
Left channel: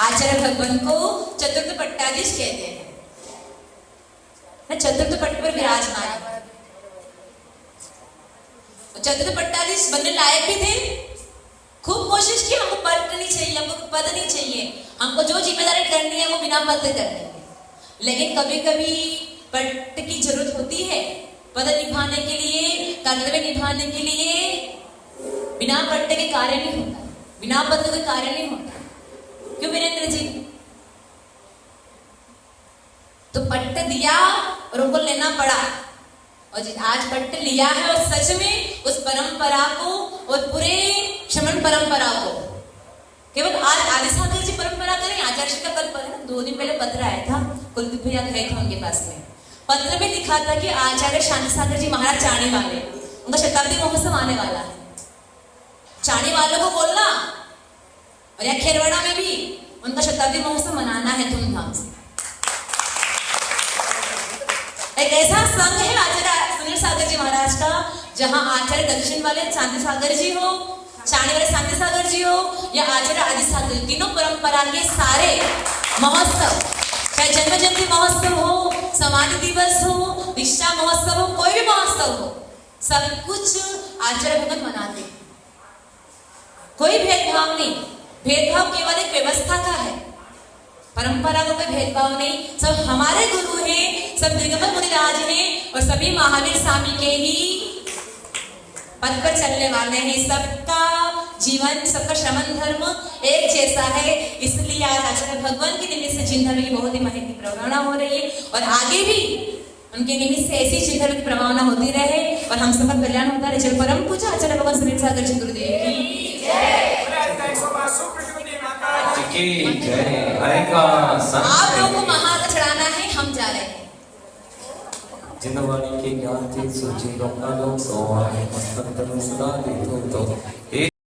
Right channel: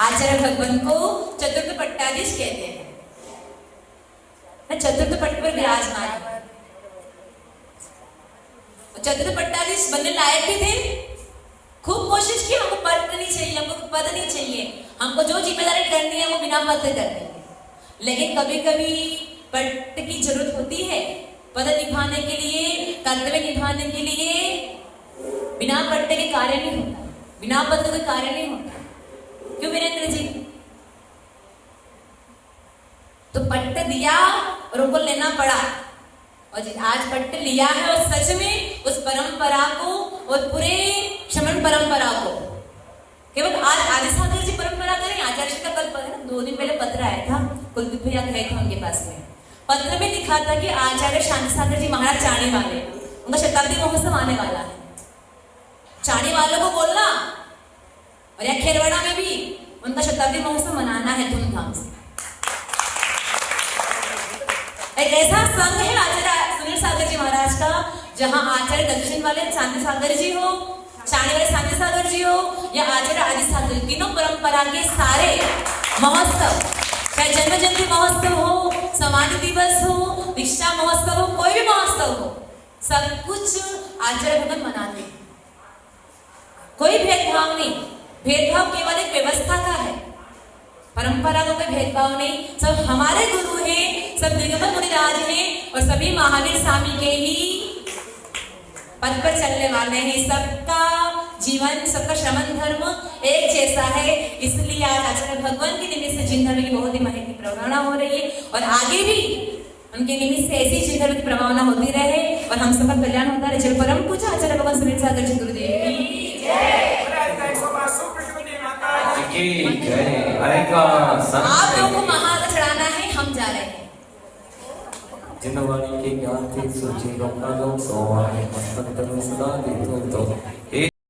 आचार्य भगवान को चतुर्थ पट्टाधीश कहते हैं, चतुर्थ पट्ट पर विराजमान। चतुर्थ पट्टाधीश बनने लायक भी थे, खूब कोशिश की, हमको पद नहीं चाहिए, हमको पद नहीं चाहिए, हमको जो जिम्मेदारी करनी है वो बिना पद करनी है। लेकिन कभी कभी पद की जरूरत होती है, पद निभाने के लिए, कर्तव्य निभाने के लिए बिना पद के कार्य नहीं होता, बिना पद के कार्य नहीं होता। क्यों वीरेंद्र जी? तो पट्ट दिया और उनको लेना पड़ा, और आज पट्ट लिया है और सच में उस परंपरा को और पूरे श्रमण परंपरा को केवल आज आदि सागर जी परंपरा करें। आचार्य का पत्र 2 दिन पहले पत्र आया था, कुलदीप भैया गए थे उनके पास में, पत्र में लिखा था कि आचार्य शांति सागर जी महाराज चाणी वाले, उनका शताब्दी महोत्सव आने वाला है, चाणी वालों को बोलना और या खेरवाड़ा में भी उनका शताब्दी महोत्सव मनाना है धूमधाम से। एक ऐसा संघ है आचार्य सुनील सागर जी महाराज का, जहां आचार्य दक्षिण वाले शांति सागर जी हो, चाणी वाले शांति सागर जी हो या आचार्य आदि सागर, तीनों परंपरा के सारे महोत्सव, चाहे जन्म जयंती महोत्सव हो, समाधि दिवस हो, दीक्षा महोत्सव हो, कोई भी महोत्सव हो, सब कुछ आचार्य भगत मनाते हैं। कोई भेदभाव नहीं, भेदभाव केवल एक व्यवस्था का है, परंपरा को कोई भेदभाव नहीं। सब हमारे गुरु हैं, सब दिगंबर मुनिराज हैं और सभी महावीर स्वामी के ही पद पर चलने वाले हैं। सबका जीवन, सबका श्रमण धर्म एक जैसा है। इसलिए आज आचार्य भगवान के निमित्त से जिन धर्म की बहुत ही महत्व की प्रभावना हो रही है और आगे भी उनके निमित्त से ऐसी जिन धर्म की प्रभावना होती रहे और हम सबका कल्याण होता रहे। जय परम पूजा आचार्य भगवान सुनील सागर जी गुरुदेव की जय। आप लोगों को महार्घ चढ़ाना है, हम जा रहे हैं। जिनवाणी के ज्ञान के सूची लोकानो सोवाने मस्तंतर सदा नित्य तो